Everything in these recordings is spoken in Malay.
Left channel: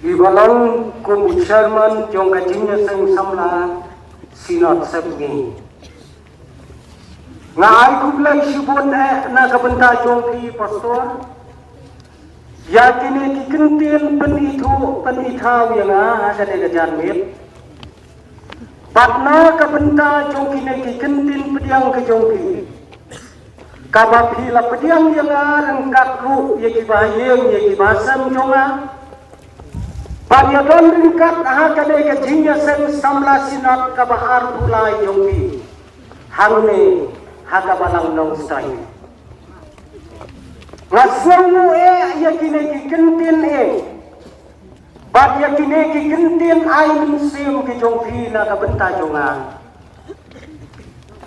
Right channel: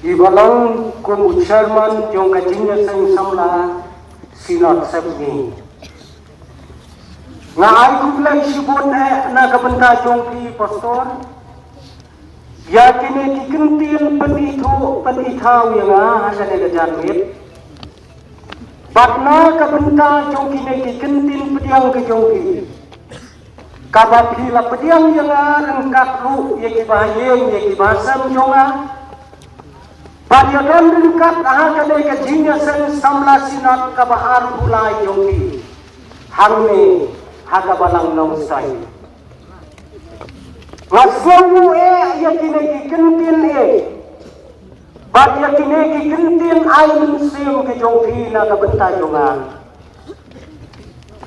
Ibalang kung chairman yung kajinya sa samla sila sabi nga ay kuglay sibon na kabanta yung di pastor ya kini dikentil panithaw yang ada di janmit bakna kabanta yung kini dikentil pediang ke jongki kabapila pediang yang ang kakru yang ibahayem yang ibasam yung Bagaimana lengkap ahak dari kejinya sen samla sinat kabahar pula yogi hangne haga balang nausai ngasumu yakine kentin bag yakine kentin ay musim ke jongki na kabenta jongan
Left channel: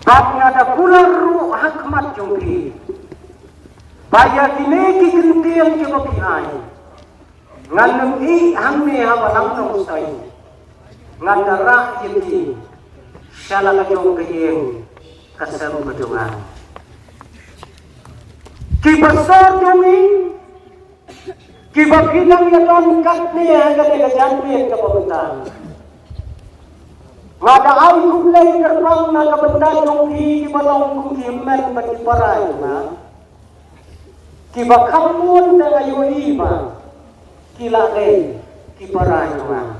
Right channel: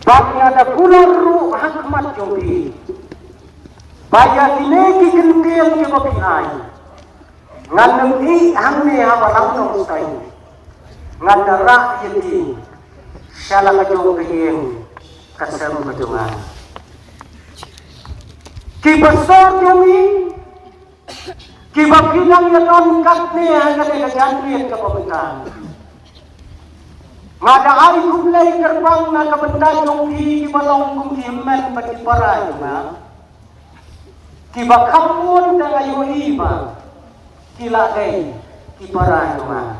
bag ada pular ru hakmat jongki bag yakine kentin ke babihan ngan i hamne hawalang usai ngan rak jadi syala kajung bihim kasar majungan ki besar jumi ki bakidang yadon katne hagane gajanme ka pamitan ngada ay kublay terbang na kabenta jumi ki balong ki men pati paray na ki bakamun dengan iba kila day kiparahma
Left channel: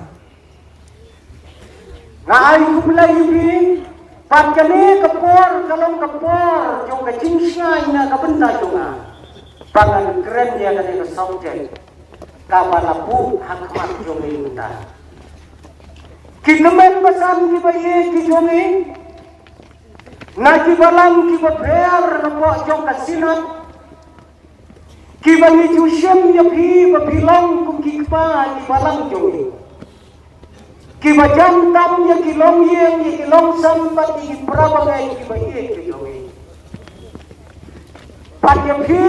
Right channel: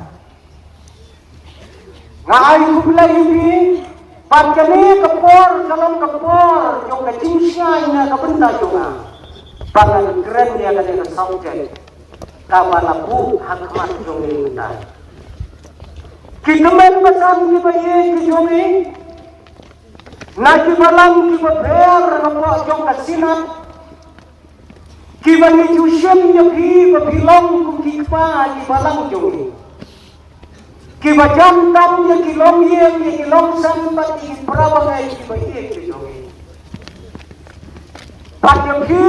ngai kublay ni pagkani kapor kalong kapor yung kacingsay na kabenta yung pangan keren dia kani kasauken kabanapu hakmat yung kita kinamen basan kibaye kijungi na kibalang kibaber napo yung kasinat kibani jusem ya bi babilang kikpa di balang joni kibajam tam ya kilom ye kilom sampat di prawa ya kibaye joni pat ya bi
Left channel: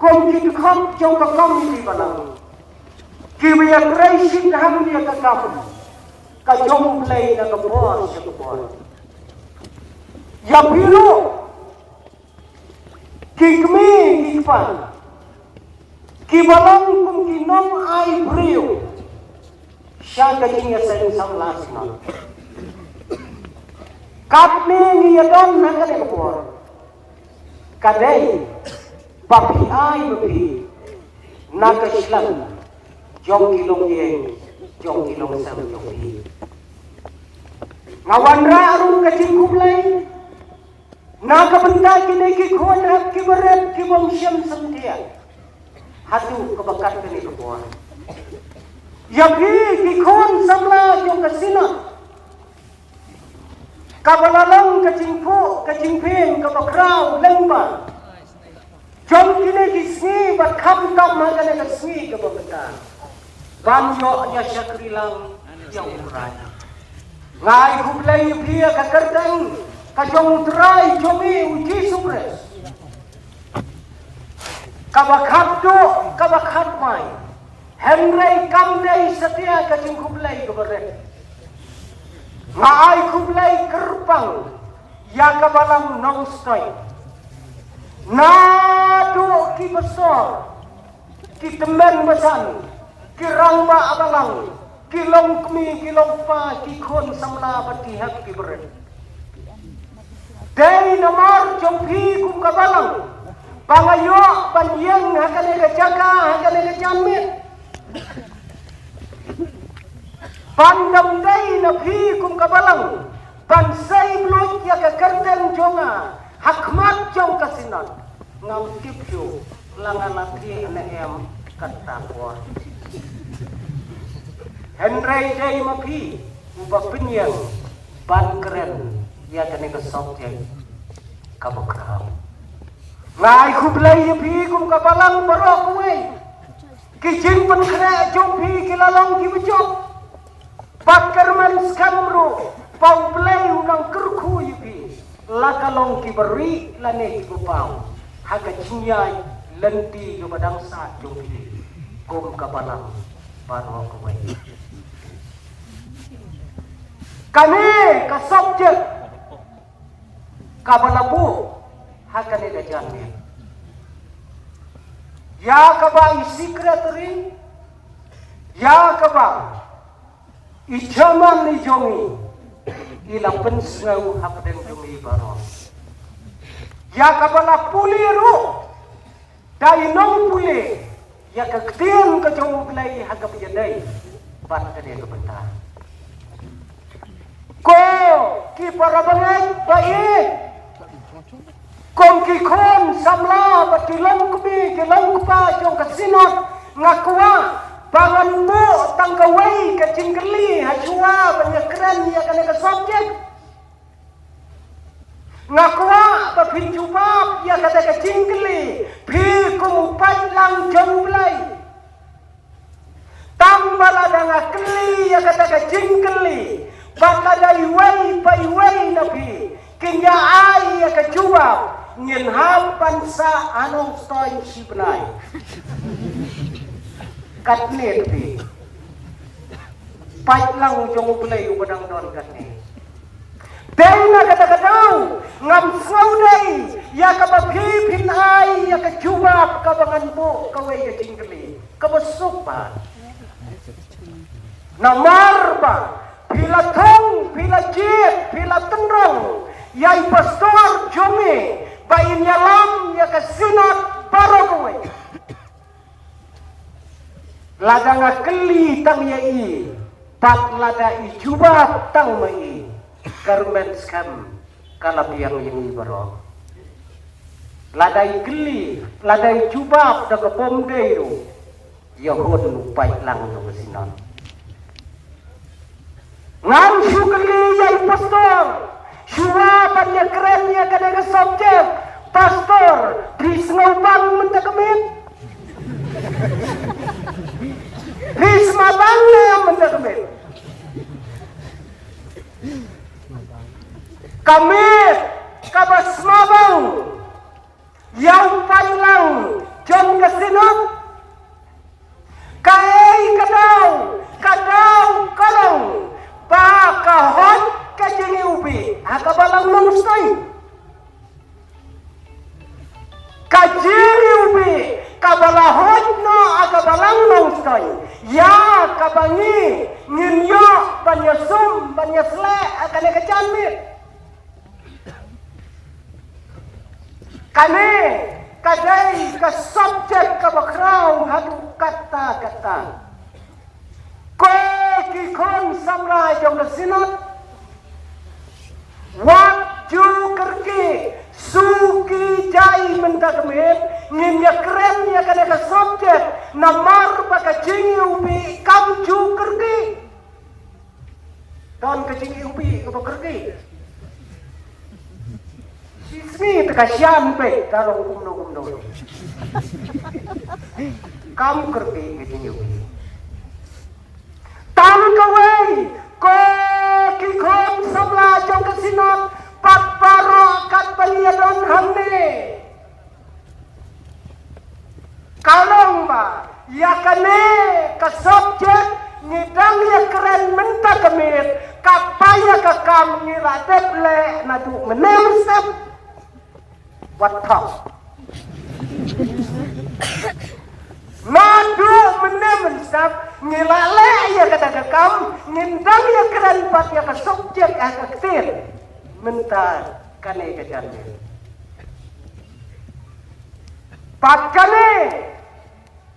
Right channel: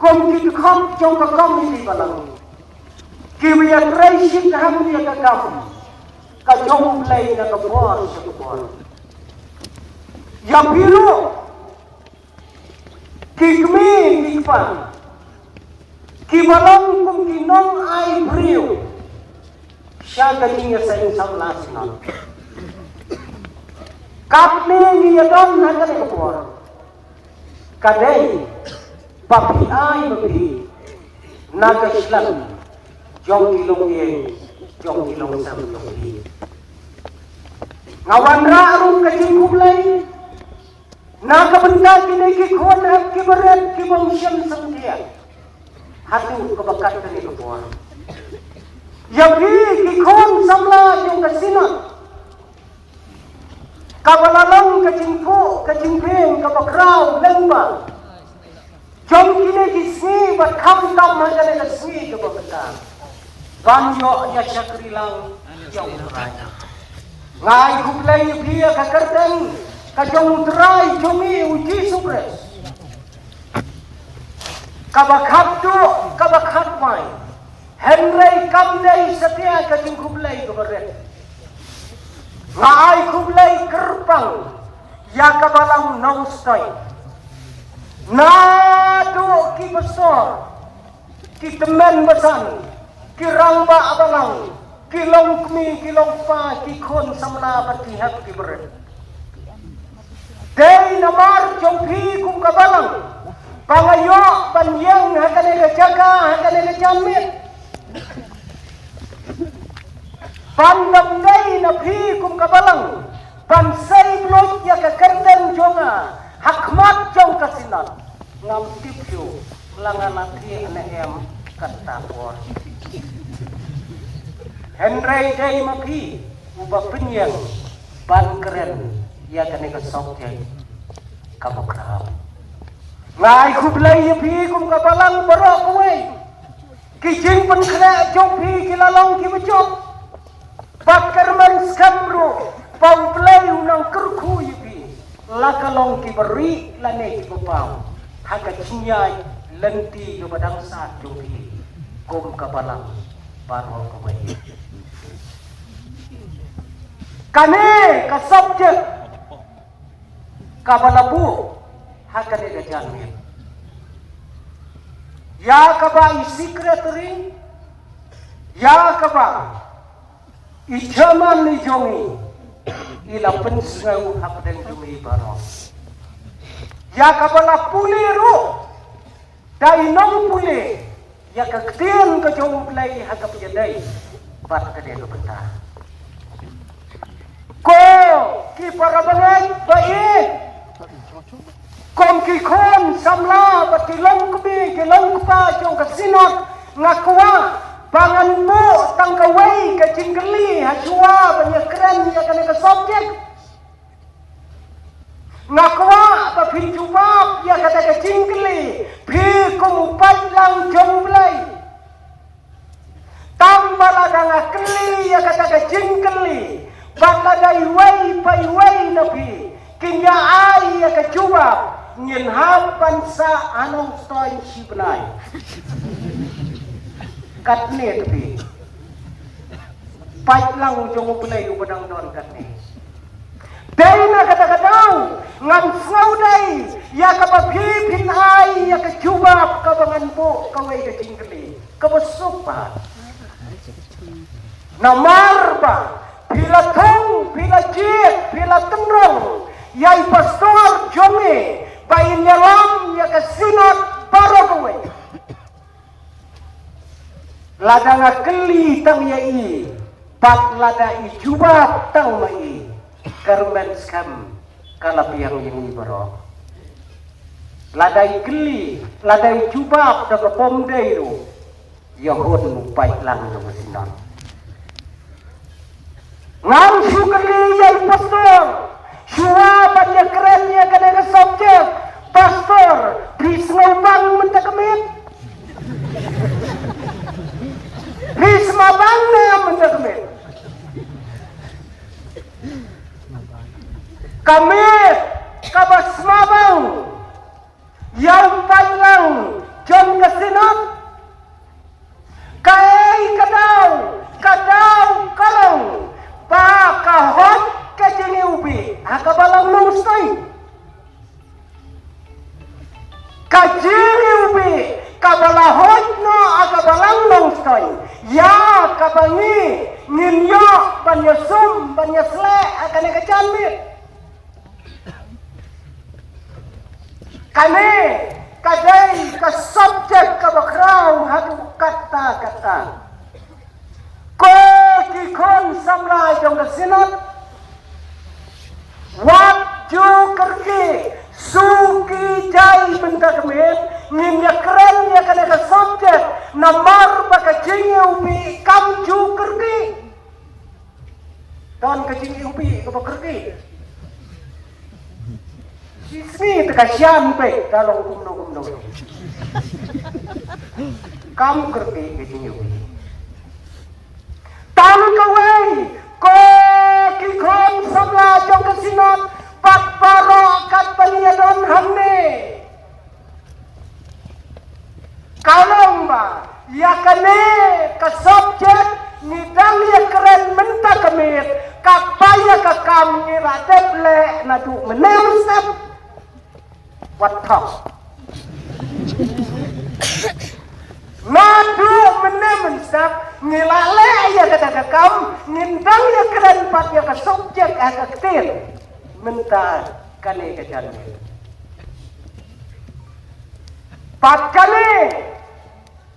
kom kikkhom jong bakom di balang kibiya raisin ham ya kakam ka jong play na kabor ya bilo kikmi kikpa kibalang kung kinong ay brio siya galing sa isang lasla kapne niya doon na kalikuan kadey papi ay mapi nagaslan jong kilong yeng jong kilong sa jong hi ngawan raarong kajing kublay nakabenta kinikikon at kibaret kimangsyang sa mutiya hati kebakat kali berdoa. Yabi kikon samla yung kasina. Kabalalang kajimpeng kabakraw lemba. Jom kini kisni bat kamtam magana kisni kabakata. Banjo ya syakri lang yang raja. Ngai kublay dia kakardeng kajong tray jumi uji supres. Kabakhat mai Henry kamdai setia kajing kublai keberet ngai kublai kerpang ya kabalang naustai nadu ki besar ki temen besan ki ramba abalang ki longkmi ki longpa ki khon samna bertihat ki beret dari nomor jompi kum kabalang pangayo panyang hakalega jaga hakalega jamit pandamday na bhi kum kabalang pansay lot ya kakardan jonga hakmat jong kasina ngamtityo langalaki na em katakwa Henry day mapi ubah pinyang ban keren ya kanega sotyan kabakra ngai kublay yabi kum kabalang barok kuwe kijing penkena jopi kilalong kibujok bakar man skamro pamplay unang kerku yabi lakalong kiberi lane kibupang haga cinyay lenti kepadang saat jopi kum kabalang barok kuwe kami kasabjek kabalabu hakane gajangnya ya kaba secretary, ya kaba ijaman ni jongi, ila pensau akden jongi barang. Ya kaba la puliru, dai non puli, ya kektian ke jong play hagap jendai, bat kade betar. Ko ki parabangan baik. Kom ki kom samla batilang kumi kilang ka jong kasinot ngakwa bangan mo tangkawai ka cingkeli hajua banyakran ya kana ka subjek ngakwa ka pinjubab ya kata ka cingkeli phi kum padlang jomlai tambala danga keli ya kata ka cingkeli batadai wai pai wai nabi kinya ai ya ka jubab ngin hapan sa anong stoy si benai katne tepi pait lang jong play ubadang don katne dena kata-katang ngam saudai ya kapaphi phin ai ya kajubab kabanganbo kawai ka cingkeli kabasupa namarba bila thong bila jit bila tenrong yai pastor jonge bayi nyalam ya kesinat parawe lada ngakeli tang yai pat lada ijubat tang mai karumen skam kalap yang ini baro lada ikeli lada ijubat daga pomdeiru yahun pait lang sinam ngam syukri yai pastor syua banyak kerennya kadang subjek pastor disengaukan mentakmin risma bangga mentakmin kami kabasmabang yang palang jam kesinat kai kadau kalang pakahon kajini ubi akabalang nustai kajini ubi kabalahon no akabalang nustai ya kabangi nginyok banyasum banyasle akan kecamit kami kadai ke subjek kabakrau hadu kata-kata ko kikon samrai jong sinot waktu kerki suki jai mentakmin nginyak keren ya kada ka subjek namar baka jingi upi kam ju kerki dan ka jingi upi ka kerki sini teka syam pe kalau kumno kam kerki ka jingi upi tan kawai ko kikon samra jong sinot patpara katpaliyadon hamne kalamba yakane ka subjek ngidang yakren menta kamir kapaya ka kam ngiratet le na tu menemsep watta Nabi menemsep ngilale ya kata kam ngindang yakren papya ka subjek akatir mentar kali kejarnya pat kali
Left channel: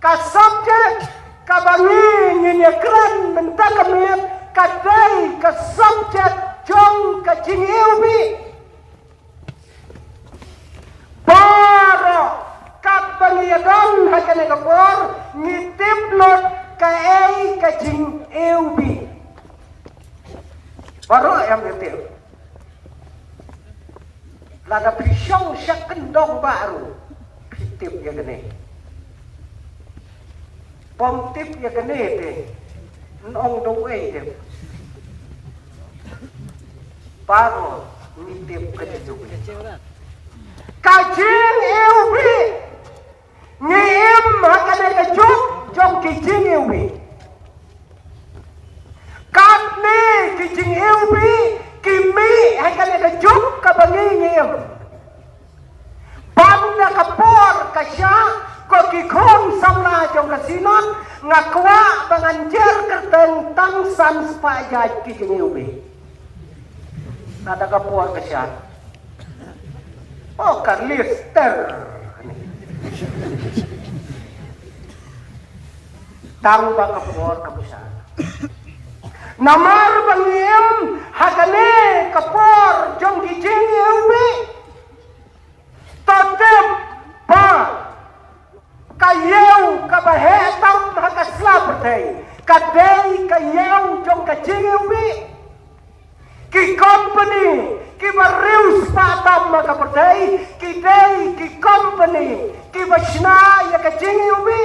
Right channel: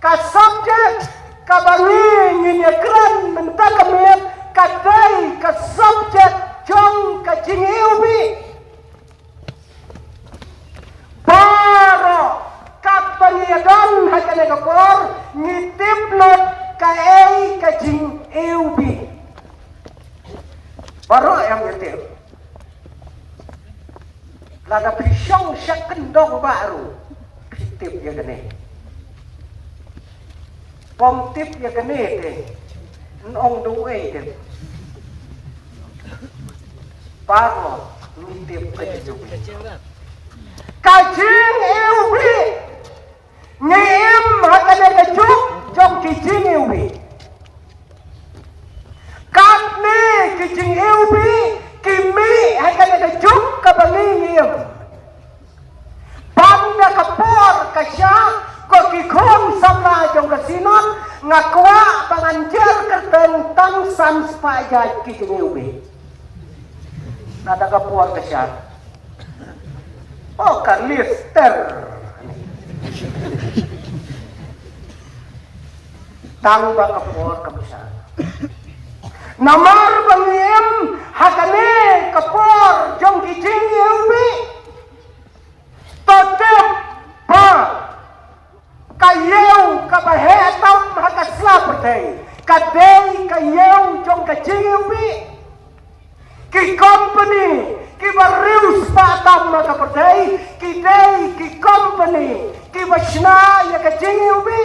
ka subjek kabangi nginyakan mentar kami kadai ka subjek jong ka jingiubi para kapaliadon hakane kapor ngitiplot ka ei ka jingiubi baru yang ngetip laga pisang syak kendong baru tip ya gede pom tip ya gede deh nong duwe deh baru nitip aja kajing ewi ngiem hakane kajuk jom kijing ewi kapne kijing ewi kimi hakane kajuk kabalingim bangga kapor kasya ko kikon ngakwa panganjel ketentang sans pajak kijingi nada kapuat kesya oh karlister tang ba kapuat kabisa namar bangiem hakane kapor jong kijingi ubi tetep pa kayew kabahetam hakaslap day kadei kayew jong kijingi ubi ki company ki barius patam makapaday ki day ki company ki bashna ya kijingi ubi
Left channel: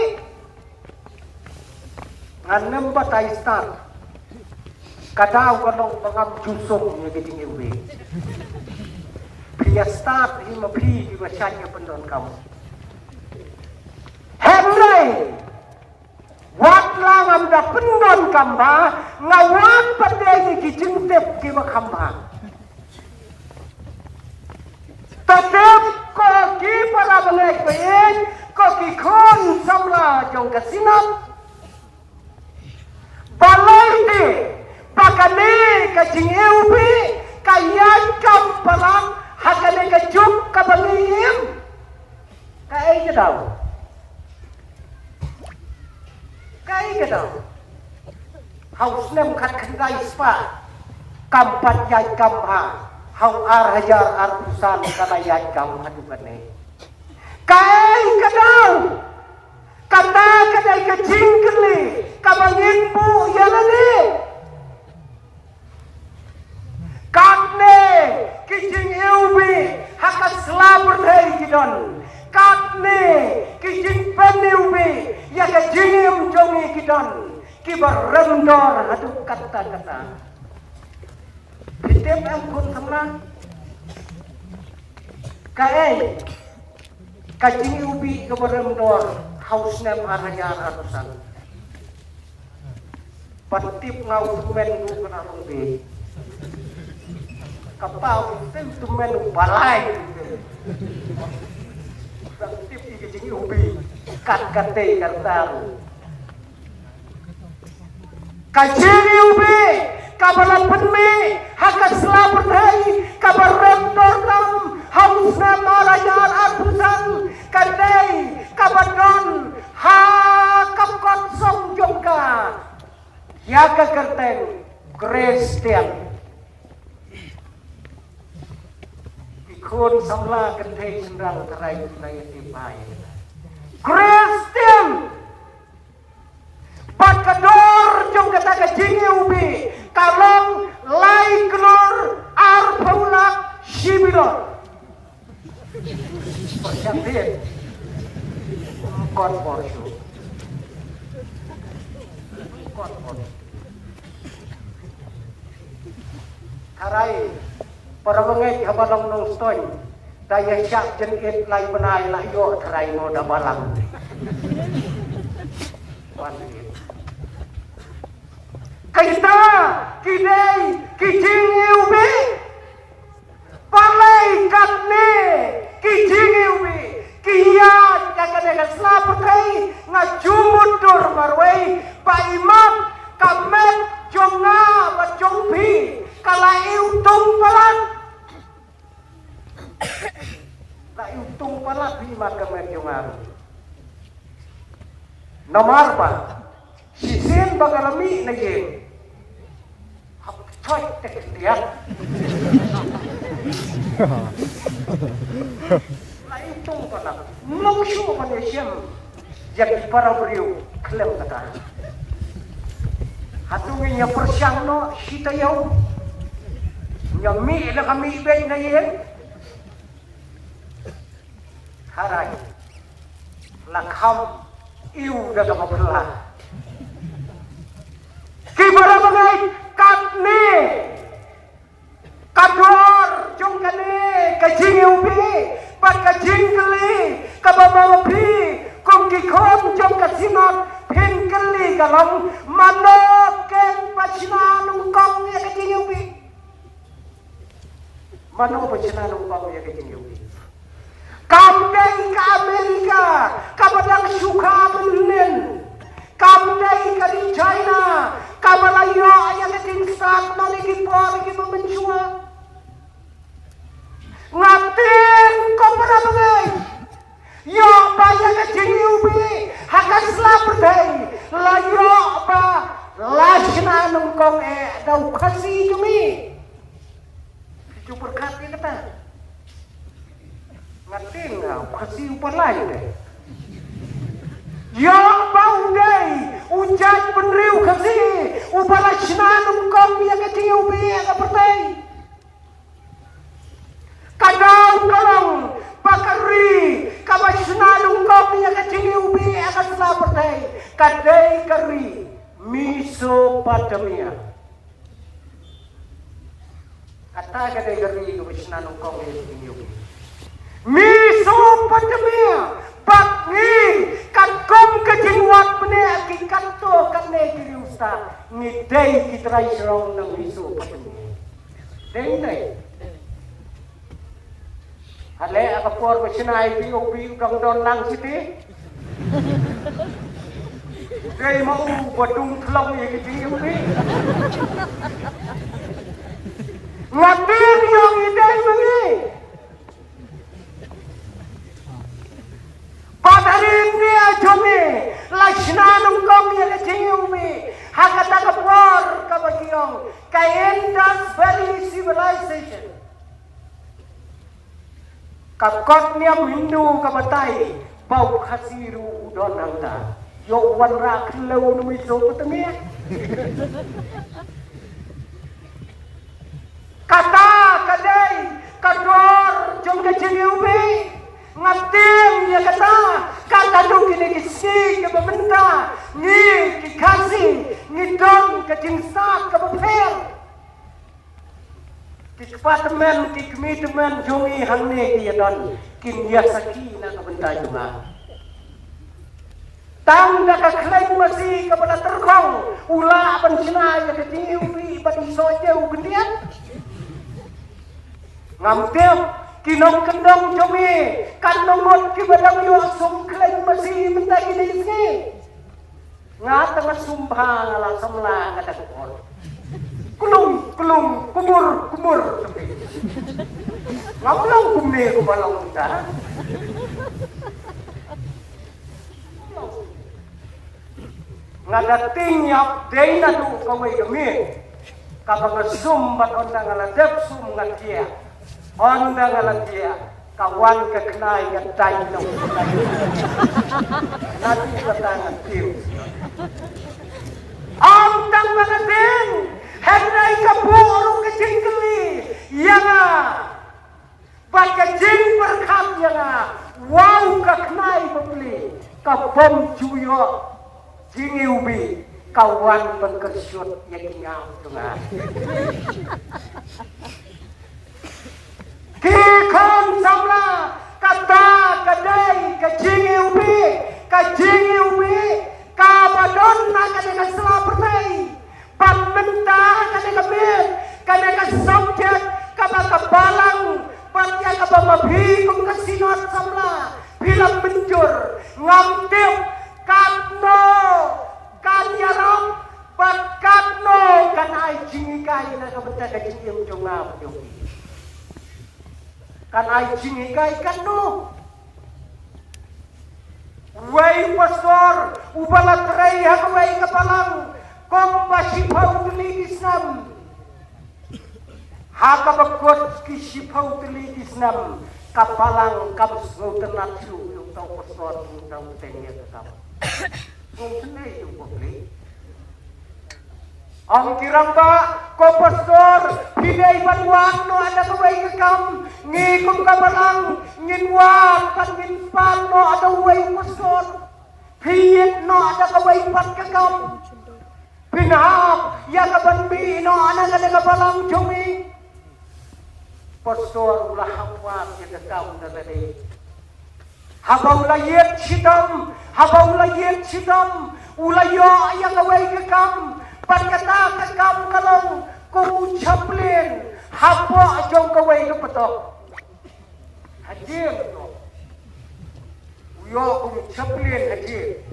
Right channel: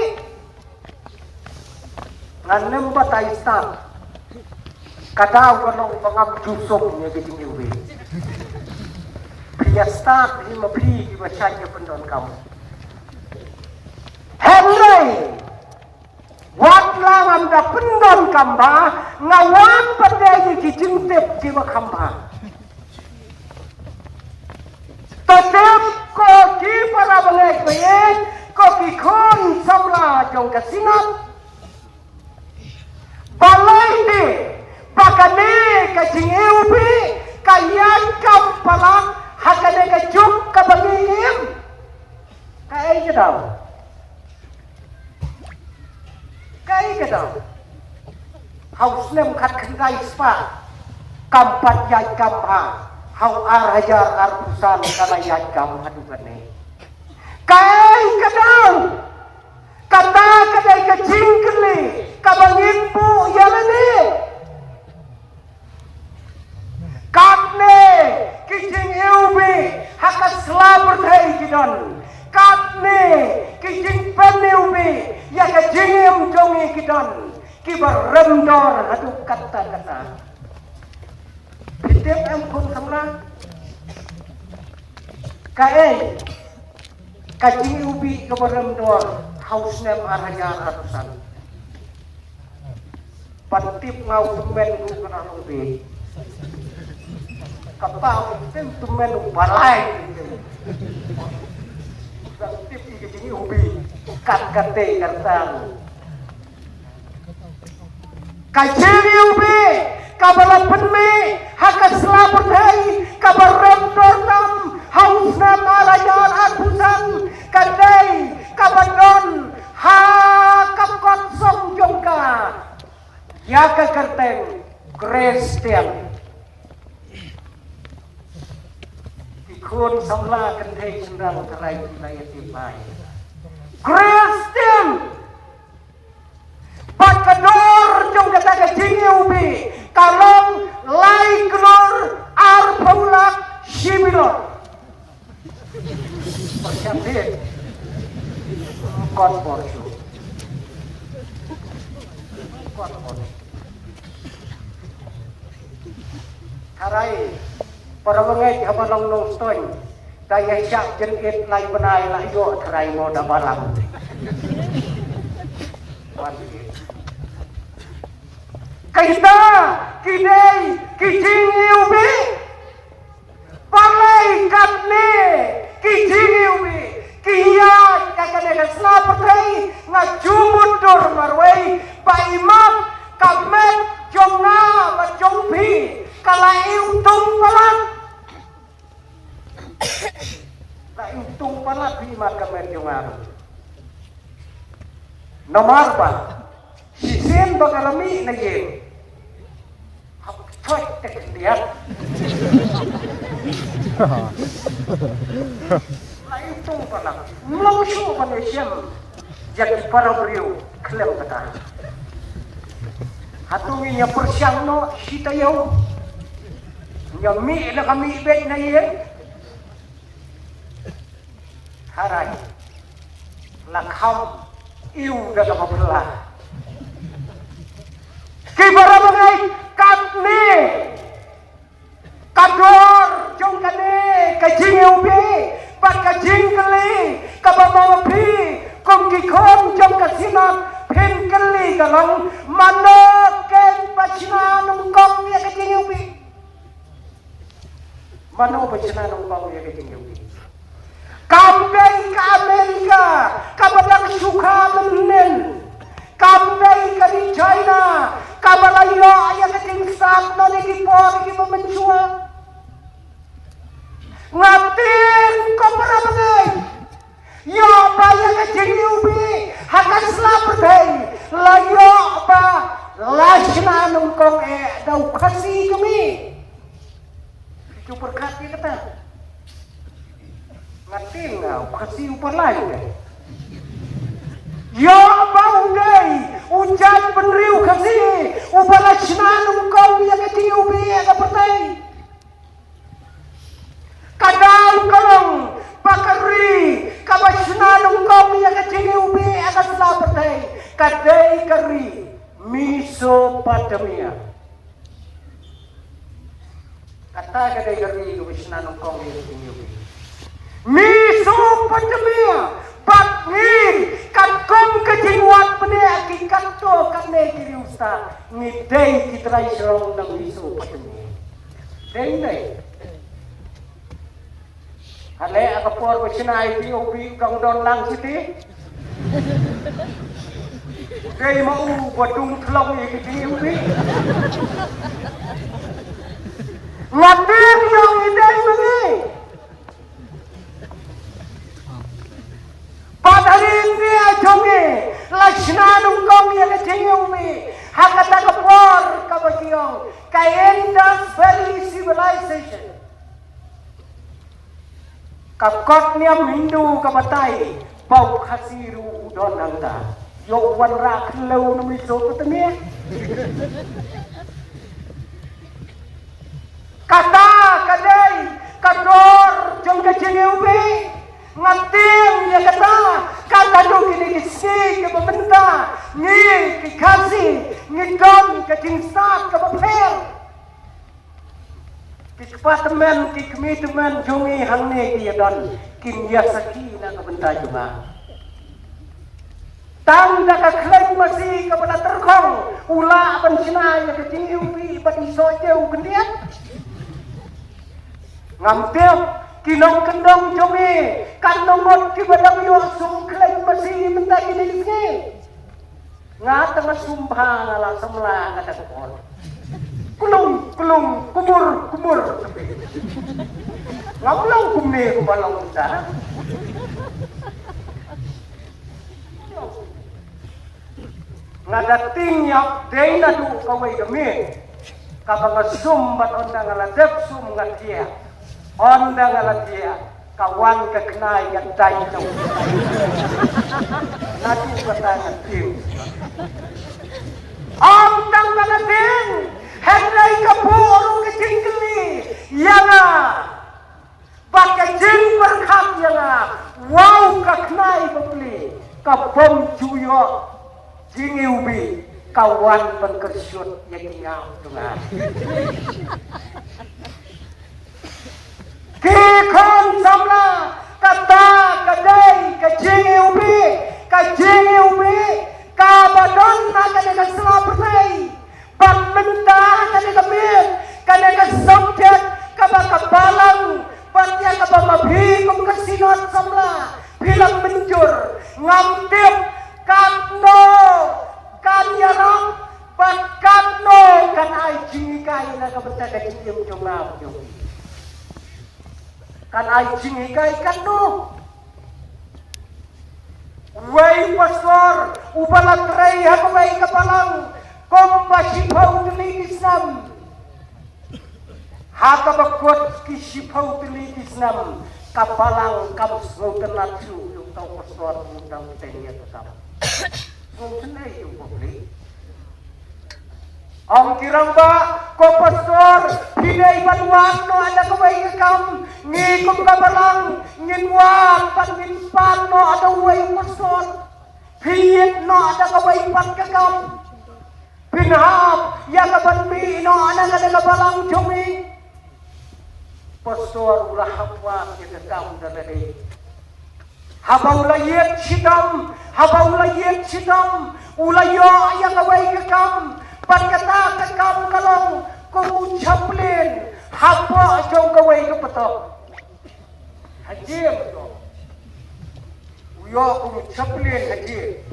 nganem batay start kadaw kanong pangam jusok niya kijingi ubi priya start di mapli di masyanya pendon kamu Henry wat lang ang pendon kamba ngawang paday kijintip di makamba tetap ko ki para balik bayin ko kikon samla jong kasinap balay di bakane kijingi ubi kayan kampalang hakane kajuk kabangim kaya daw haus nem kat kendai spa kampat yai kampa hau arhaja arpusan kana yai kam hadu kane kai kadau kata kadai kecing kene kabangim pu yalane katne kijing ubi hakas slaper dai kidon katne kijing pani ubi ya kajing jongi kidon kibar rendor adu kata-kata bidem ampun samra kae kajing ubi kibar rendor hausnya aranya ratusan patip ngau men kana ubi kapal tentu menu balai tip kijingi ubi kate katan kijingi ubi kabalan penmi hakas laperdai kabaran dalam hausna malayan abusan kadai kabanon hakap konsong jongka yaka kerten Christian kun samla kendai sendal terai tunai tipai Christian pakador jong kata kijingi ubi karong laiknor arpulak shibiro pasyamdir korporsu harai para bengai kabalang lostoy kaya syak jengkit lai benai lah yo kerai moda barang kita kinai kijingi ubi palai katne kijingi ubi kiyan kakadega snapkai ngajumut dor marwai paimam kamet jomna wa jompi kalai untung palang tak untung palang bima kamet joman nomor apa sisen bagalami na ye chot tek dia lai untung palang langsung Malaysia jadi para beliau klaim kata hatungi nya persyano sita yau yang mi na kami bet na ye harai lakham iu dalam abdullah kibarat ngai katne kador jong kane kajing ubi pat kajing kali kabamopi kong kikon jong kasimam pengkali kalang manok ken pachina nungkong ya kajing ubi manok pachina nungkong ya kajing ubi campaign ke Amerika kabaran suka menin kadai kari Mesopotamia. Kata kadai kari Wisnan Kori Mesopotamia. Bakni kampung kejiwat punya kikanto kane kiri usta ni day kita Israel na Mesopotamia. Day. Ale apa por Wisna itu opi kangdon lang siti. Kay mau badung pulang yang ini. Ngatin yang ini. Padarin dia jome, laksnanu kau yang kecilumi, hakata kapor kabagiong, kayendas very civilization. Kakotnya mindu kabatai, bau hasiru udon anda, yok warna kelau Mesopotamia. Kata kadai, kador jom kecilumi. Ngating ya kata kata dulu kini kisi ke pemerintah ni kikasi ni dom ke jinsat ke bapel kikpatemen kikmitemen jungi hangne kia dan kimia saki na kebentar juga tang dah keklaim masih kepada terkong ulah pencina yang ketinggi bagi soja ubendian ngamtil kinong kendong jome kanongot kibadam yo sungkleng masih minta kini ngata masumpah ngala semla ngata kupon kulung kumur ngaplang kumne kubalong kita ngadating yap day na du kaway kami kapag sumbat ondang ngaladep sum ngatia Honda ngalatia kawan kekenai yang tay nang nanti kata nanti Honda ngalatin hendak kapur kecil kini yana pakai jin berkam yana wow kekenai berbeli kabom cuyo jingi ubi kawan berkesyut yang nyam tengah Kikam sama kata kadai kajingi ubi kabadon nak ada selapri peminta ada kebir kada subjek kada kebalang batia kada lebih kemasihat sama bilang mencur ngamtip katno kamera pakatno kata jingi kai nak betaka kecil jumlah kan ajing ikai kan no wai pastor ubala krai hakai kapalang kompasi pau dili Islam haka bakot kisi pau dili Islam kapalang kamus ngautan tu tau pastor undang tengnya ta ngautan ni Ang kiramba ko pastor hinay banwan no ada kebaikan ngikong kabarang nginwa pangimpan no ada way pastor hiyet no ada kebaikan kakam pinahap yang kabanbi no ada kabarang jumi pastor ulah hapwa kita kam dari habang layet sitam ulayo yang kebaikan Pagkata kamu kalau kau ucapin apa jong kawai ke betul hadir uyo kau ucapin hadir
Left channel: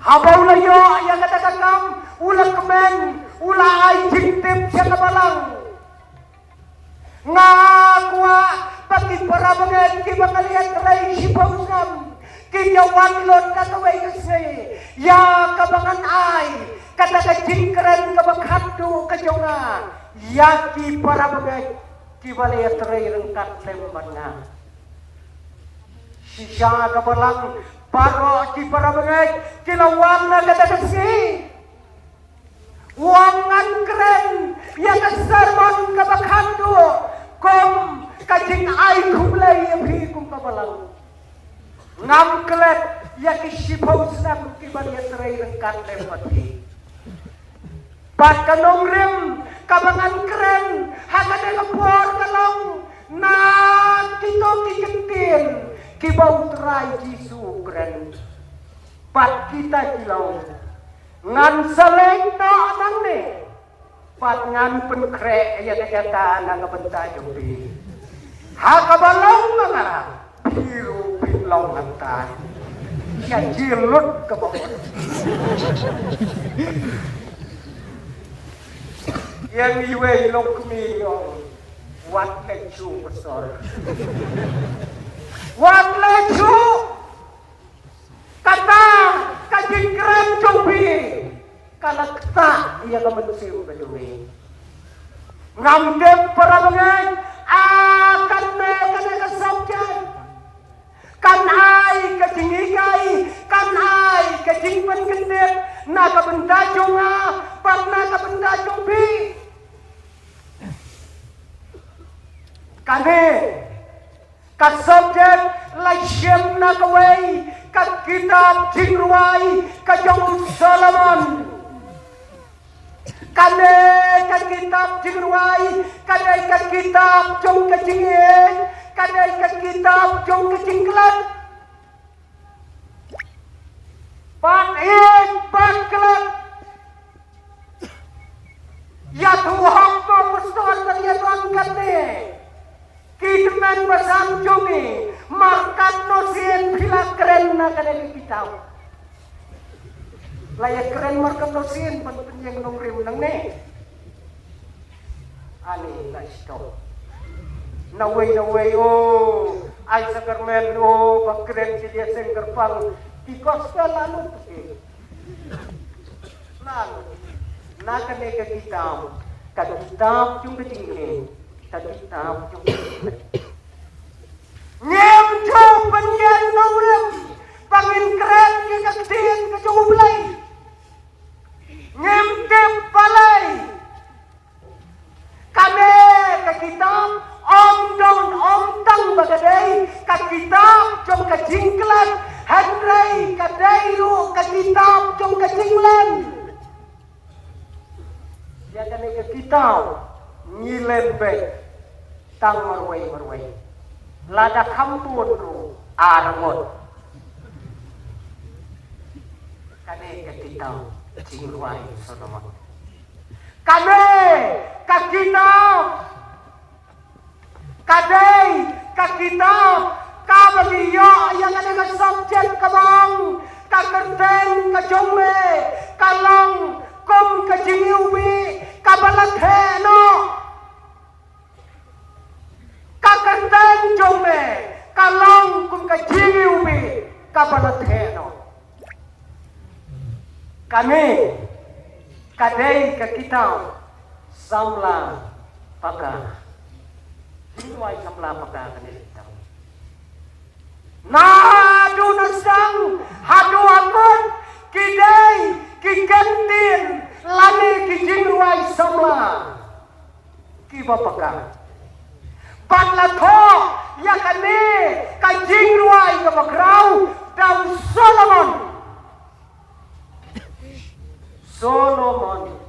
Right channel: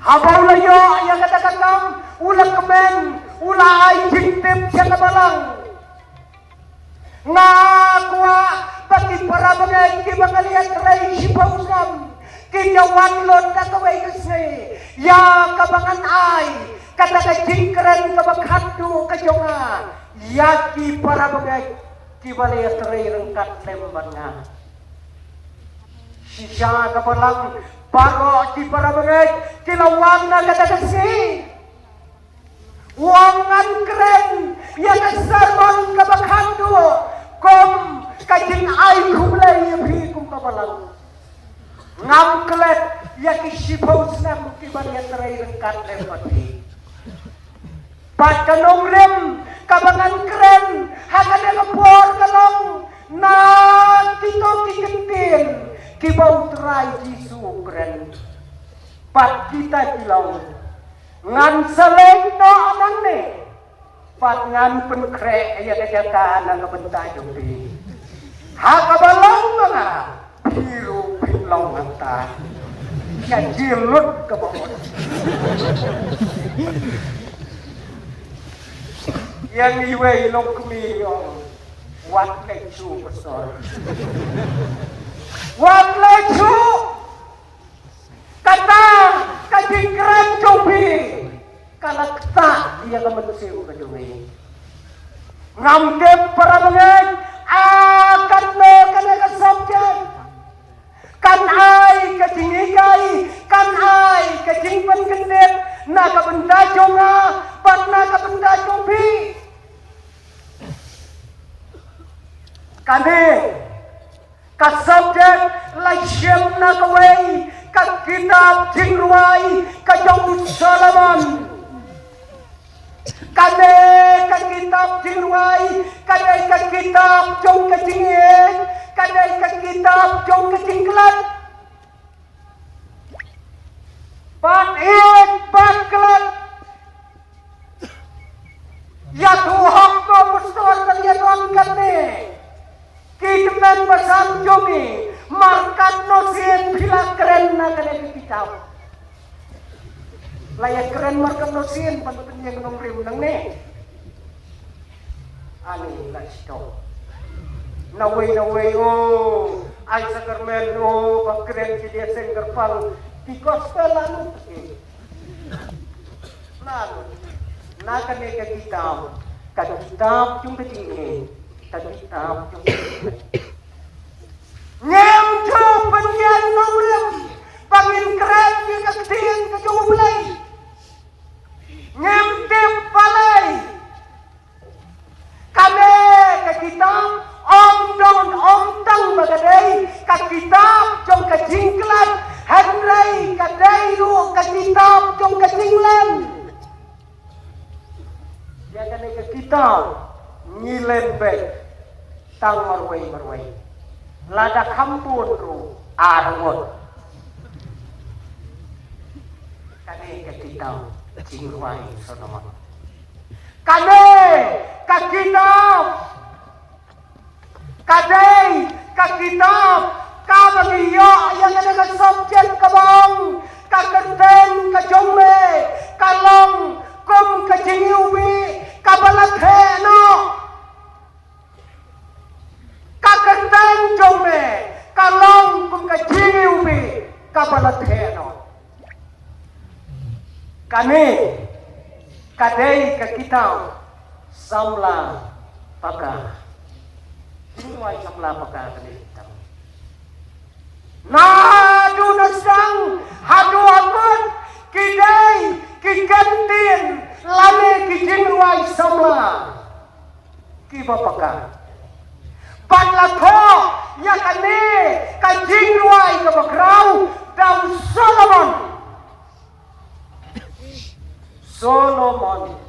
habang layo yang katakan kamu ulah kemen ulah jingtim siapa balang ngakwa pati para bagay kibangalian kerai sipawusam kinyawan lon na kawai kesne ya kabangan ay kata jingkran kabakhandu kajonga yaki para bagay kibali atray rengkat lemana sisya kabalang para di para bagay kilawang na katakasi wangan keren yang sabang kabakhandu kom kajing ay kumlay yang hikum kabalang ngam kelet ya kisipong sang kibanya terakhir kan lewati. Pakanong rem kabangan keren hagad lepor kalong na kito kikintin kibau terai jisu keren. Pat kita bilang ngan seleng na amane pat ngan penkre ya dekatan na bentajuri. Hakabalang na biru bilang mata yang jilut ke bawah. Yang iway nok kumiyon wat lechu besar. Wat lechu kata kajingkran cobi kalau tak dia kemensiu kedui. Ngamdem perangan akan mereka subjek kan ai kejingai kan ai kejingpan kenet naga benda jonga parna ka benda cobi kane ka subjek laisem na kawai ka kitab tingwai ka jong Solomon kane ka kitab tingwai kane ka kitab jong kejingen kane ka kitab jong kejinglan patin paklat ya Tuhan ko besar kalian kami kita pasang jogi makan nosien bila keren na kalian kita layak keren makan nosien pantin yang ngomong nang ne ani nggak stop naway oh ay sakarmel oh keren dia sengger pang di kostelan na kami kita yung ketingin kita yung nyamjau penyian nongem pangingkrat yung ketingin kejumulay nyamjau palay kami kita om tang bagaday kakita yung kejingklat Henry kadai lu kakitab jong kejinglan dia kan ke kita ngilen be tang marwai lada kampur ru arngot kadai ke kita jingwai sama kadai ke kita kadai ke kita kabagiyo yang ada ke subjek kabang kakenteng kejombe kalong kum kejingiubi kabalatheno kakenteng jombe kalong kum kejingiubi kabalatheno kami kadai ke kita samla paka semua samla paka kami Nadu nasang hadu amut kidai kikentin lani kijinwai sama kibapaka patlatho yakani kajinwai kabakrau daw Solomon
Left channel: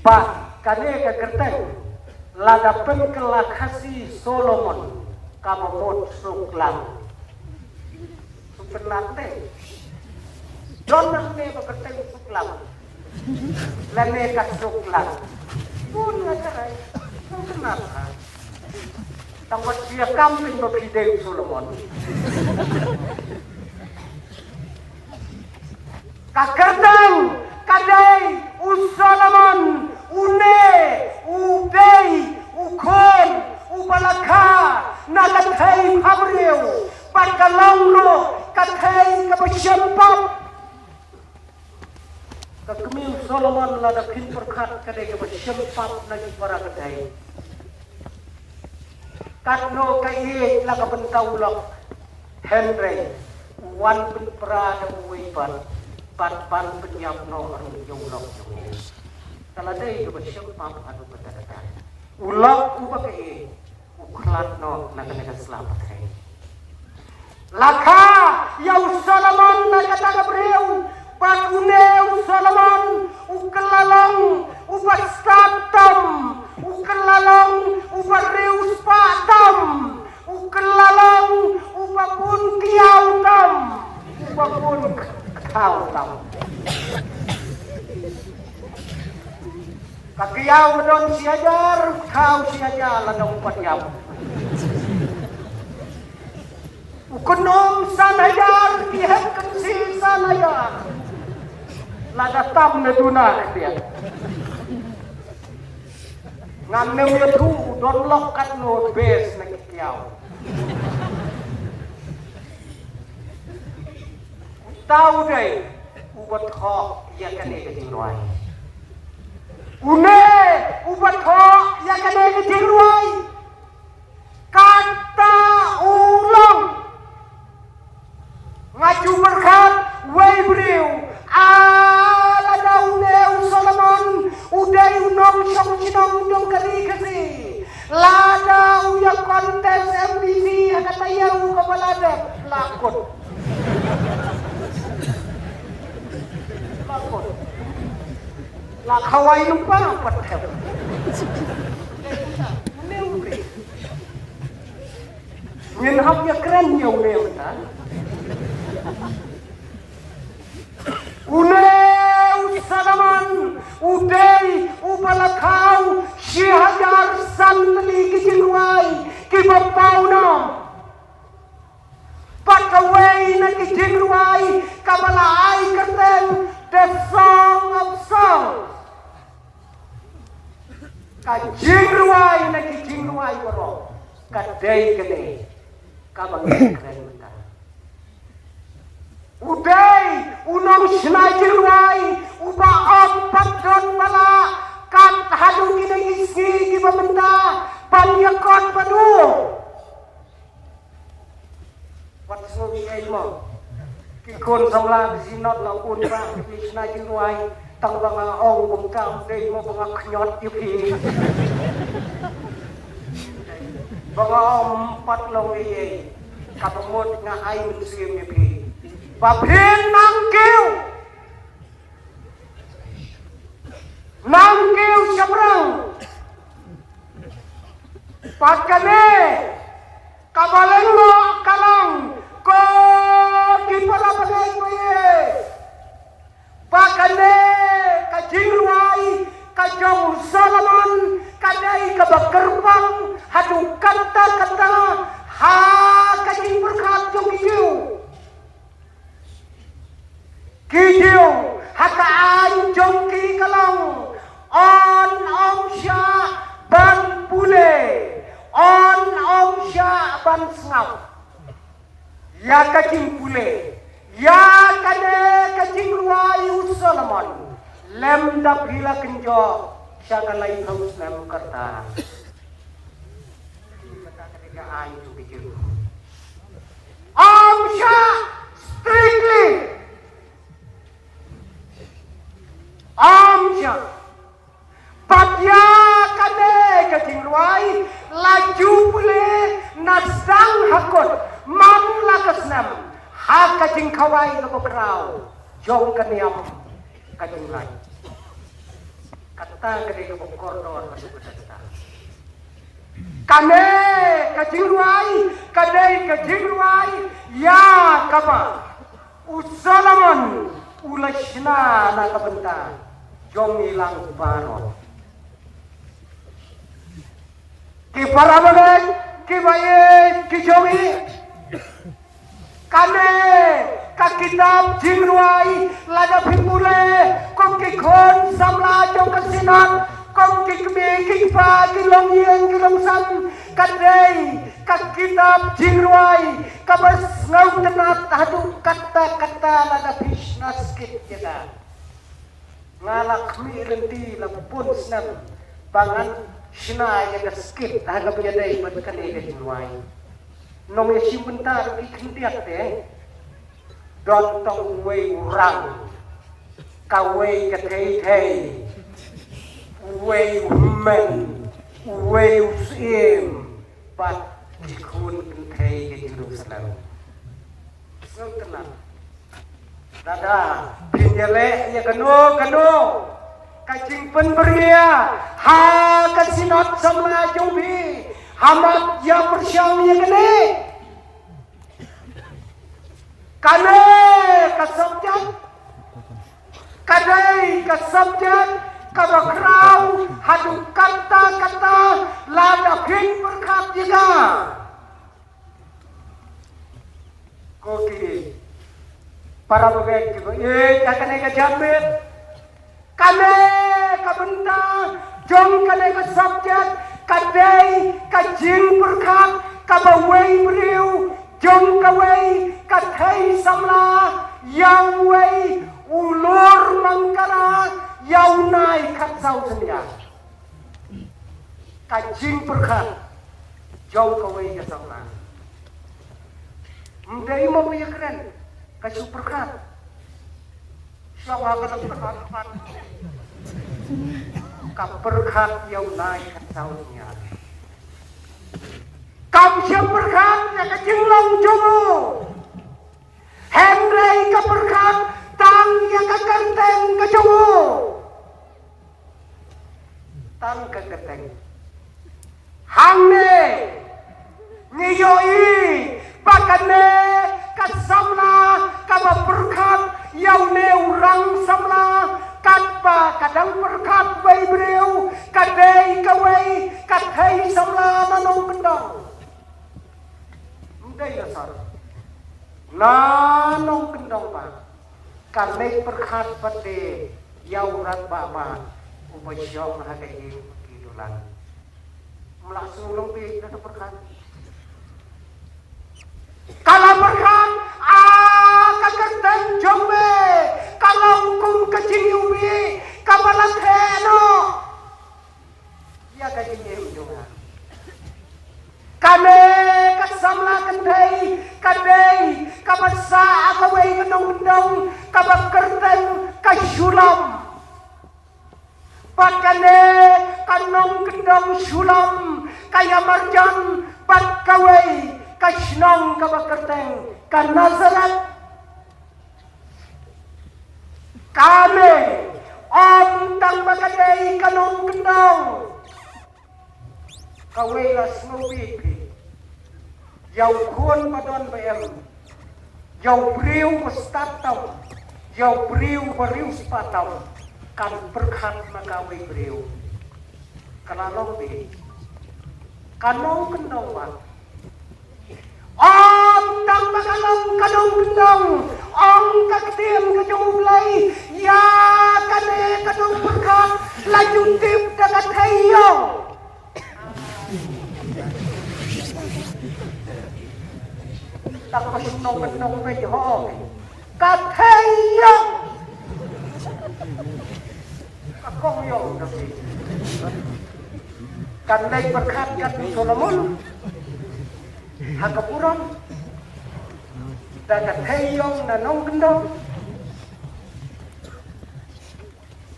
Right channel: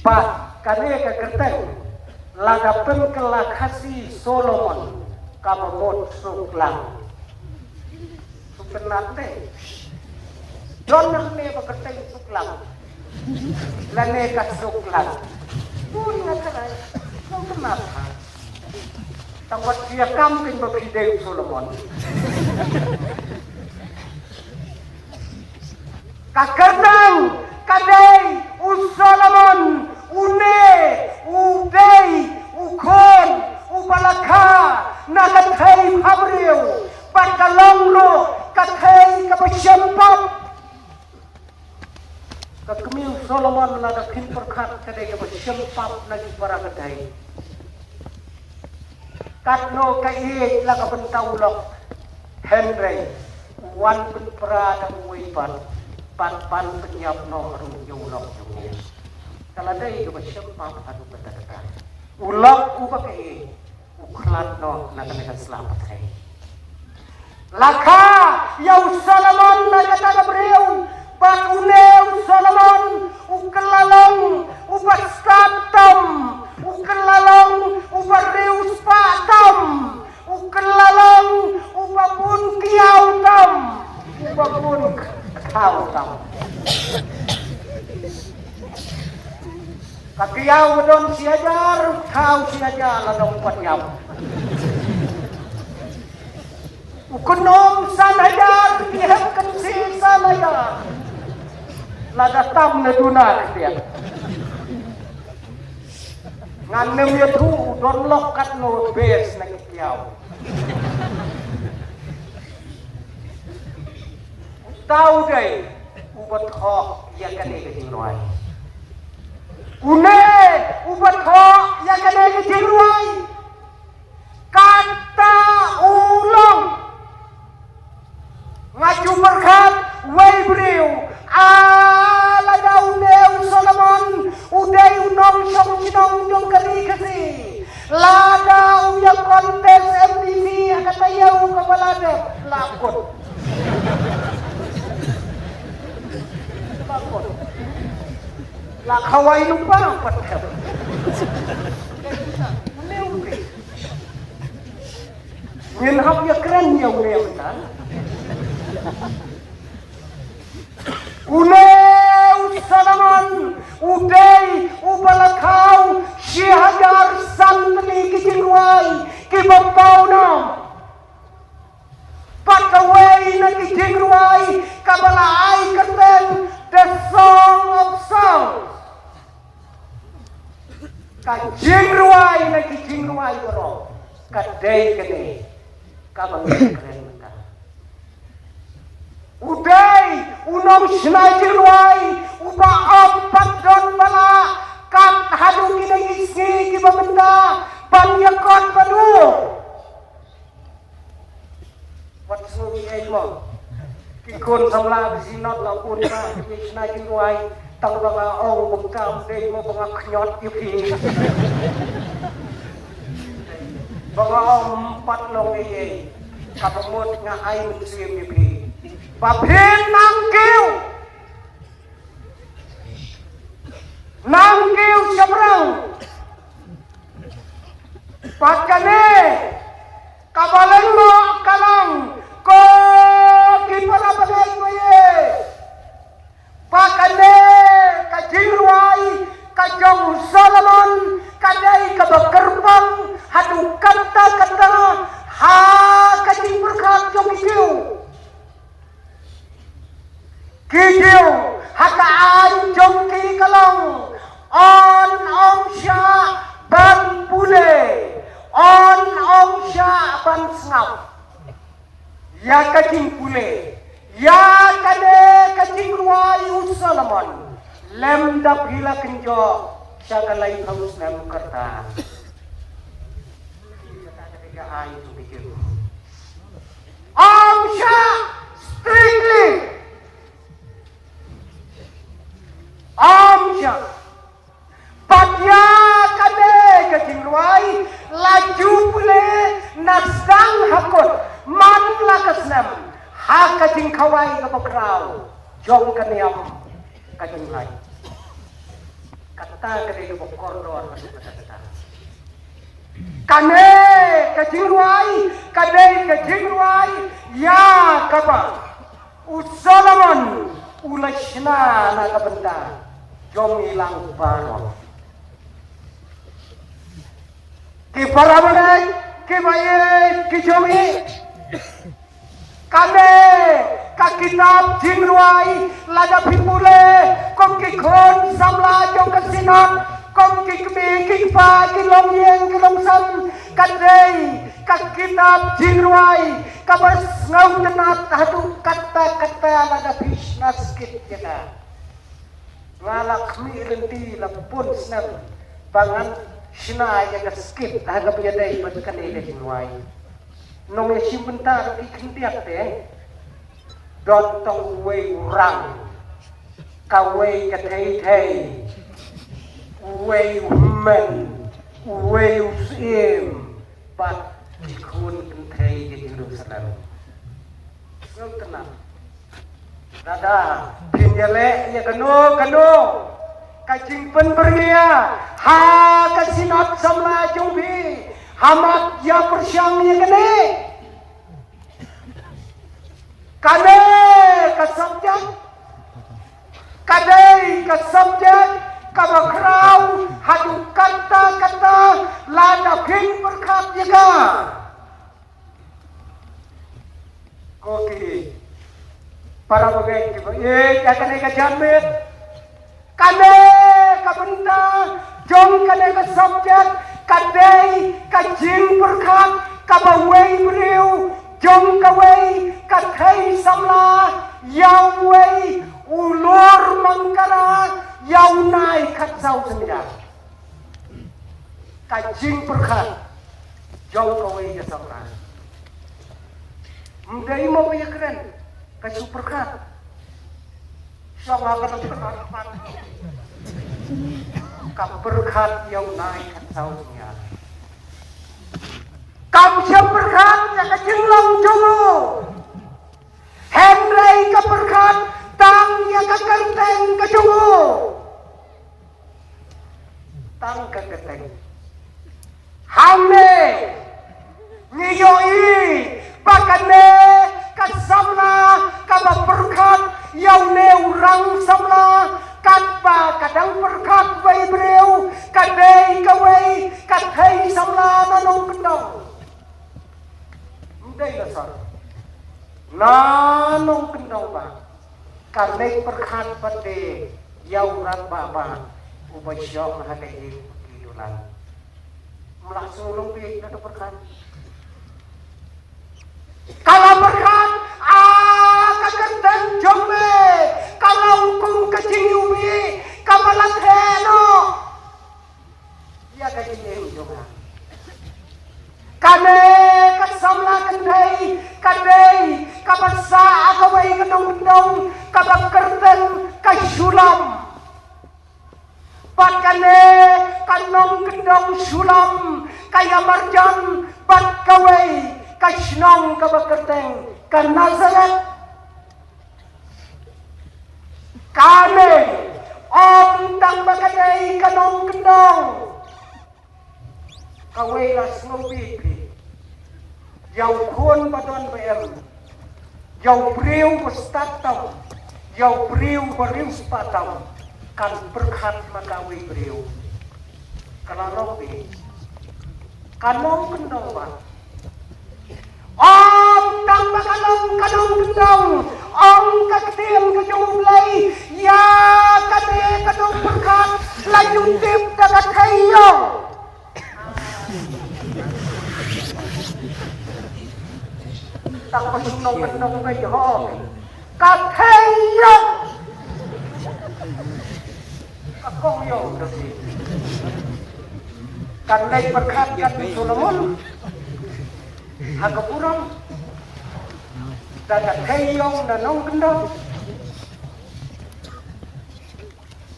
pa kane kakerten ladapun kelakasi Solomon kabot suklang sukenate jonan me bakateng suklang lane ka suklang tawat dia kamping bakideng Solomon kakertang kadai Solomon une udei ukon ubalaka nakathai phabriu pagkalanglo kathai kapasyempap kakmiu Solomon ladapin perkhat kadai kapasyempap lagi para kadai katno kai la kabentaulo Henry wan penprada wipan pan penyap no yung no kalau dai kapasyempap ulak upakai uklat no nakaselamat hai Laka yang Solomon nakatara beliau bakuneu Solomon ukelalong ubaskatam ukelalong ubarius patam ukelalong ubapun kiautam ubapun kautam kakiau dong siajar kau siajar dong patiau ukenom sanaya dia kecil sanaya lada tam ne duna dia ngan ne tu dolok kat no bes na kiau tahu deh ubat kok ya kene keciluan une ubat kok ya kene keciluan kata ulang ngaju berkat wai beliau ala dauneu Solomon udah unong syong sinong jong keri kesi lada uyang kontes MTV kata yau kabalade lakon lah kawai lupa patel Ngin hap ya keren ya wuriang kan Uneu Solomon udai ubalakau syihajar santri kijiluai kibapauna pakawai na kijiluai kabala ai katel the song of songs kajiluai na kijiluai ko kadai kabala keren udai unom sinajiluai uba empat don bala kat hadu kita isi di benda banyakan perlu wat suruh emo kikon salah sinat la urna sinajiluai tangga au mungkam de mo ngaknyot ipi bawa empat lo ye kapamut nga ay muslim ipi Babin nangkiu seberang pakane kabalango kalang ko di palabalay kuye pakane kajiluay kajong Solomon kadai kabakerbang hadu kata ha kajing berkat jong iu Kidiu hata anjong ki kalong on sya ban bule on sya ban snap ya kacing bule ya kade kacing wayu Solomon lem da bila kenjo syagalai halus nang kata sya strictly Amja Patya kade kejingwai laju pule nasang hakot manla kasnam haka jingkawai na pabrao jong kaniam kajingwai kata kade kokoro kane kejingwai ya kapa Solomon ulashna na benda jom ilang baro ki parabane ki baye ki jomi kame ka kitab jingruai lada phimule kom ki khon samla jong kasina kom ki ki pa ki lomyeng ki lomsam kadai ka kitab jingruai ka bas ngau tenat hatu kata-kata lada bisnas kit jaga lalak mi renti la pun snap bangan sina ya skip aga bejadai mat kanele jingruai nong ya simbentar ki kintiak te dot tong wei urang ka wei ka thei wei men wei usim pat khun thei ki jingru salar tenang. Dada, pinjele ya kenu, kacing penberia, ha kasinat sama jombi, hamat ya persyang ya kene, kane kasabjak, kadai kasabjak, kabakrau, hadu kata lada ping berkat juga. Oke. Para pemain juga, kane ka jamit, kane ka benda, jom kane ka subjek, kadai ka jing berkat, ka bawai beriu, jom kawai ka thai samla, yang wai ulur mangkara, yang naik kat sau sedia, ka jing berkat, jom kawai ka samla. Mudai mau ya keren. Kasih berkat, siapa kata berkat? Kau berkat yang naik tahunnya. Kau siapa berkat yang kejenglang jono. Hendai kau berkat, tang yang kekenteng kejono. Tang kekenteng. Hamne, nyiyoi, pakane. Kasama kaba berkat yang neurang sama kapa kadang berkat bayi beliau kadai kawai kadai sama manong pendang mudai asal nanong pendang pak kadai berkat pada yang orang bapa ubasyong hati hidupan melaksung lebih dari berkat. Kalau berkat, kakak jombe, kalau kum kecing ubi, kapalat heno, ya kecing itu jombe. Kame kasama kadai, kapasa akawai kenong, kapakerten kasulam. Pakane kanong kendong sulam, kaya marjam, pakawai. Kasnong kabakerteng karena sarat kami om tang bakadai kanong kendong kawilas ngubiki yang kun badan bayam yang beriu bestatau yang beriu sepatau kan berkat magawi beriu kalau lebih kanong kendong Om tambah kanong om katiang kejumulai ya kane kanong berkat lajung tim dapat kayo tak kenong kayo katayo ako yun kanay berkat kan Solomon agak kurang dan hayong dan nong bendong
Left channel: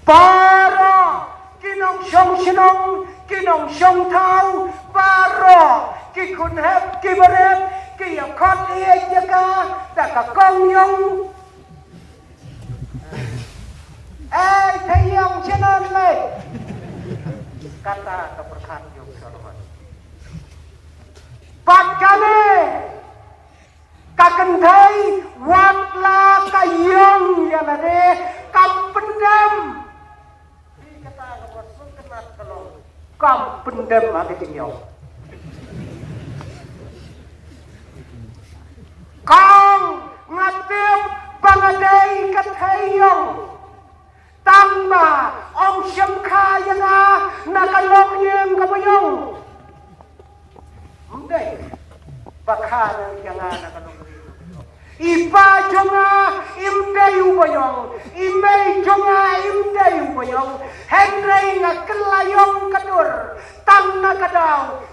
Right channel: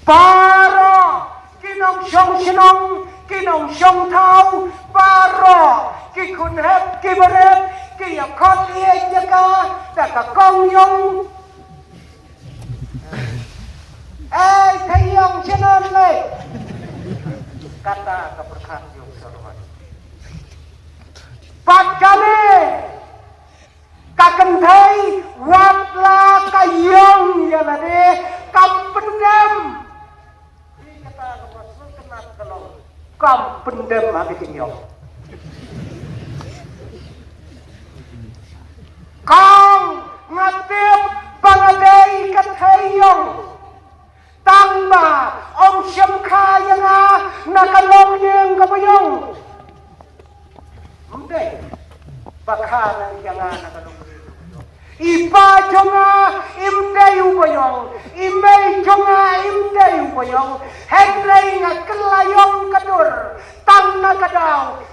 para kinong syong tau para kikun hep kiberet kiyakot iya jaga data kong yong hayong sinong le kata berkat yung Pakane kakendai watla kayong yamane kampendam kampendam apa tinggal kang ngatip bangadai kathayong tamba om syamkayana nakalong yang kabayong Mundai, bakal jangan iba jonga imdai ubayong, imei jonga imdai ubayong, hendai ngakelayong kadur, tanna kadau,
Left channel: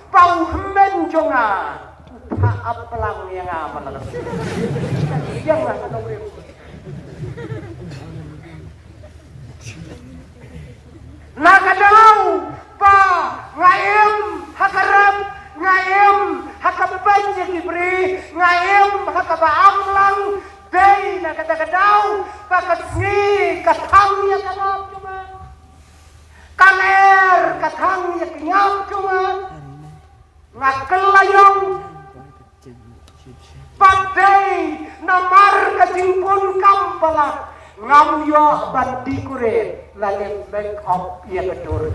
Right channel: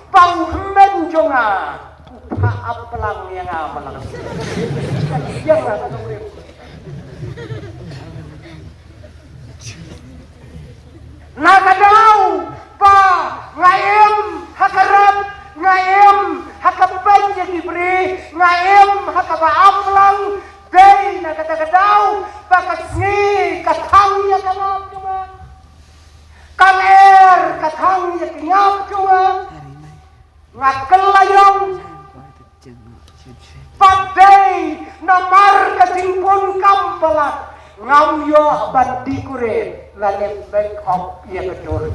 ngau yo bandi kure lalim bank of ia betul.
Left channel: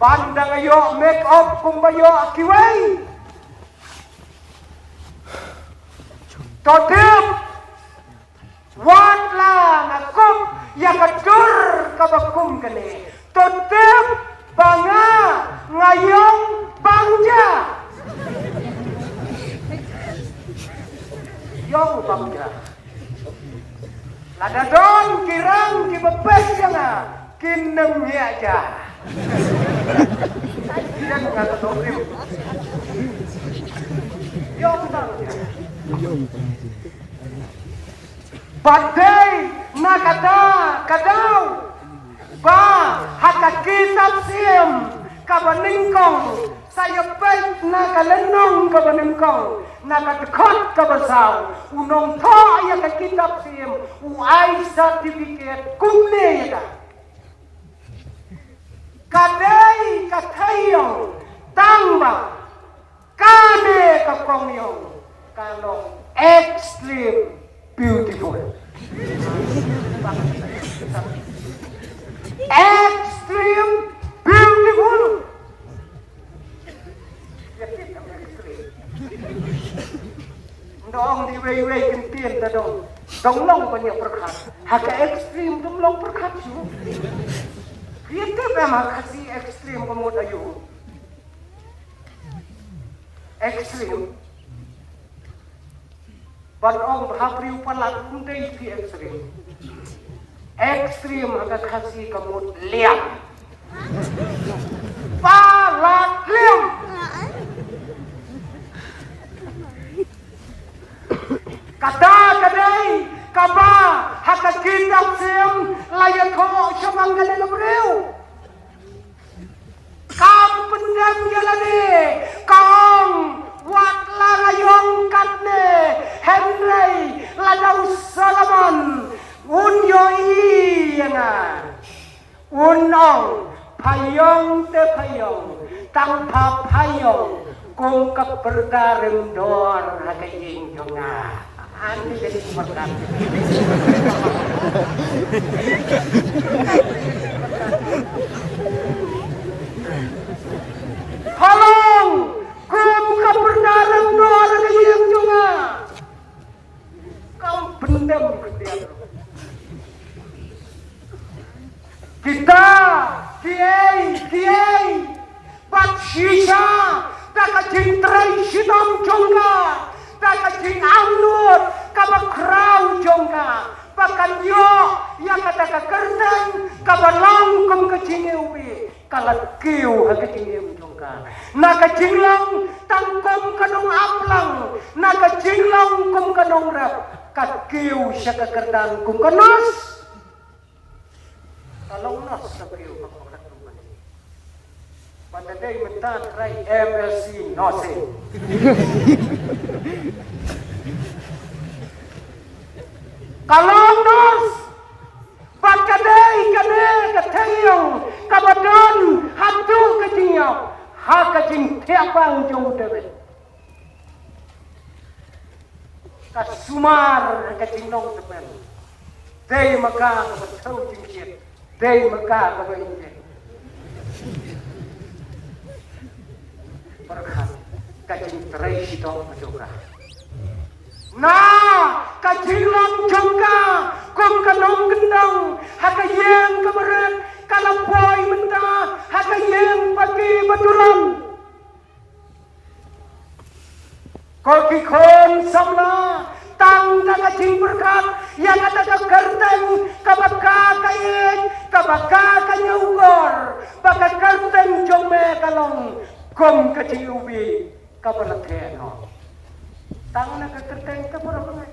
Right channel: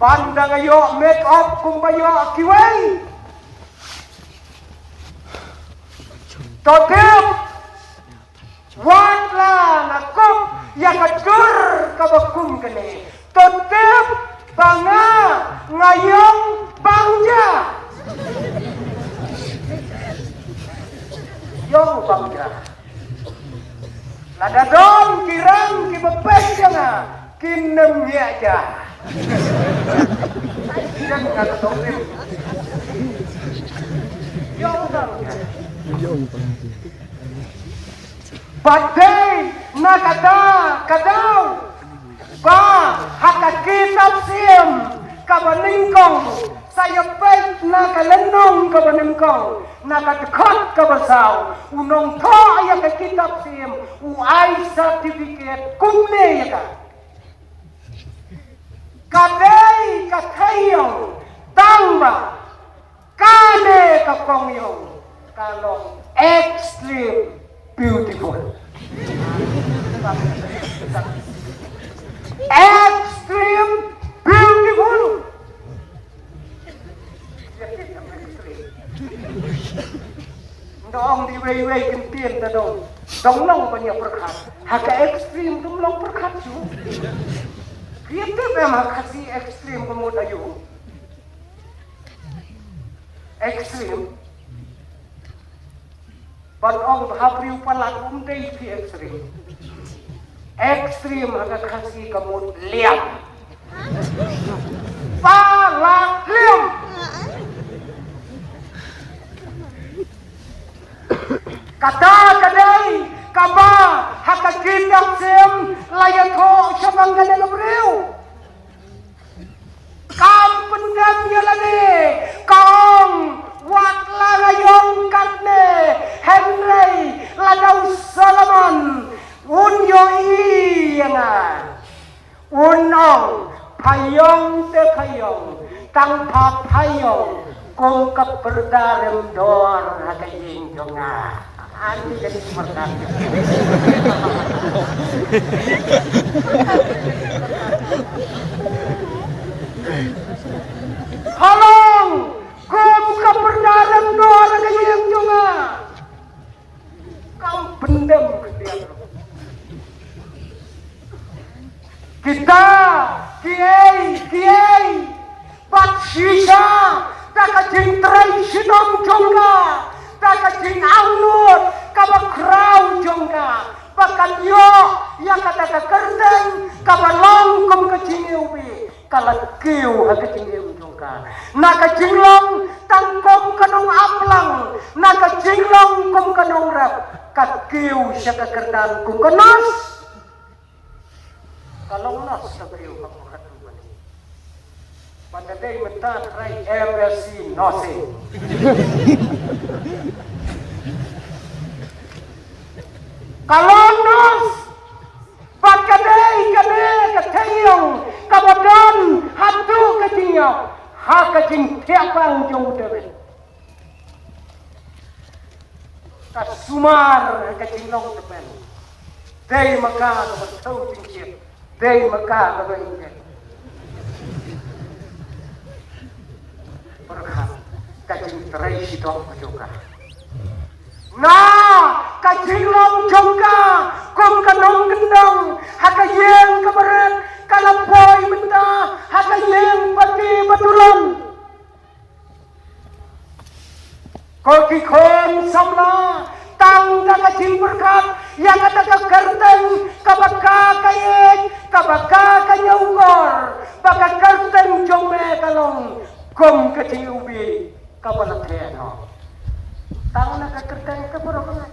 Pandang yo make up kumbayo kiwai. Totep wala nakop yang hancur kabakum kene. Totep banga ngayong bangja. Yung bangja. Lada dong kirang kibabay ka na. Kinam niya aja. Hindi ko kala totep. Yung badai nakada kadau ba hakakitab siem kabaningkong saya baik nakalenong kabaningkong nakadekot kabasaw unong to ayat kitab siem uai certificate kumne ya kadai katayo tamba kade kapongyo kalau extreme beautiful. Extreme beautiful. Dong di way kempian dong. Dong long banyak berkat. Haka ekstrim dong long berkat. Itu memang kasih ekstrim pemuda juga. Ekstrim. Barang habri pala undai di ekstrim. Ekstrim agak kasih kamu liam. Pala liam. Kata kadai kaba hakakin sem layak ko syamang galang beriu. Kam pendam jalani kong wakla layong katne Henry ladau Solomon unyo iyana unong payong te payong tanpa payong kung kaperdarem dor hakayin jonga anu jadi seperti halong kung kaperdarem dor hakayin jonga kau pendem kita kiai pat sisa kakajing terai sinong jongga kakajing anur kabak krau jongga bahkan yo yang kata kerdeng kabalong kum kajing ubi kalat kiu hakajing jongga naka jinglong tangkom kanong aplang naka jinglong kum kanong rap kakiu siya kakerdang kum kanos kalau nas kakiu pada day mentan rai eversi nose kalau nas pada day kabel katayong kabadan hatu katinya hakajing tiapang jong tebet kasumar kajing long tebet day maka betul jingkip day maka kabel kajing terai sidok juga. Nah, kajing long juga, kum kanong gendong, hakayeng keberat, kalapoy benda, hakayeng pati betulan. Kokikon sama, tangga kajing berkat, yang ada kegerdeng, kabaka kayeng, kabaka kanyawgor, baka gerdeng jombe kalong, kum kajing ubi. Kapan nak tanya? Tahu nak kerja kita berapa?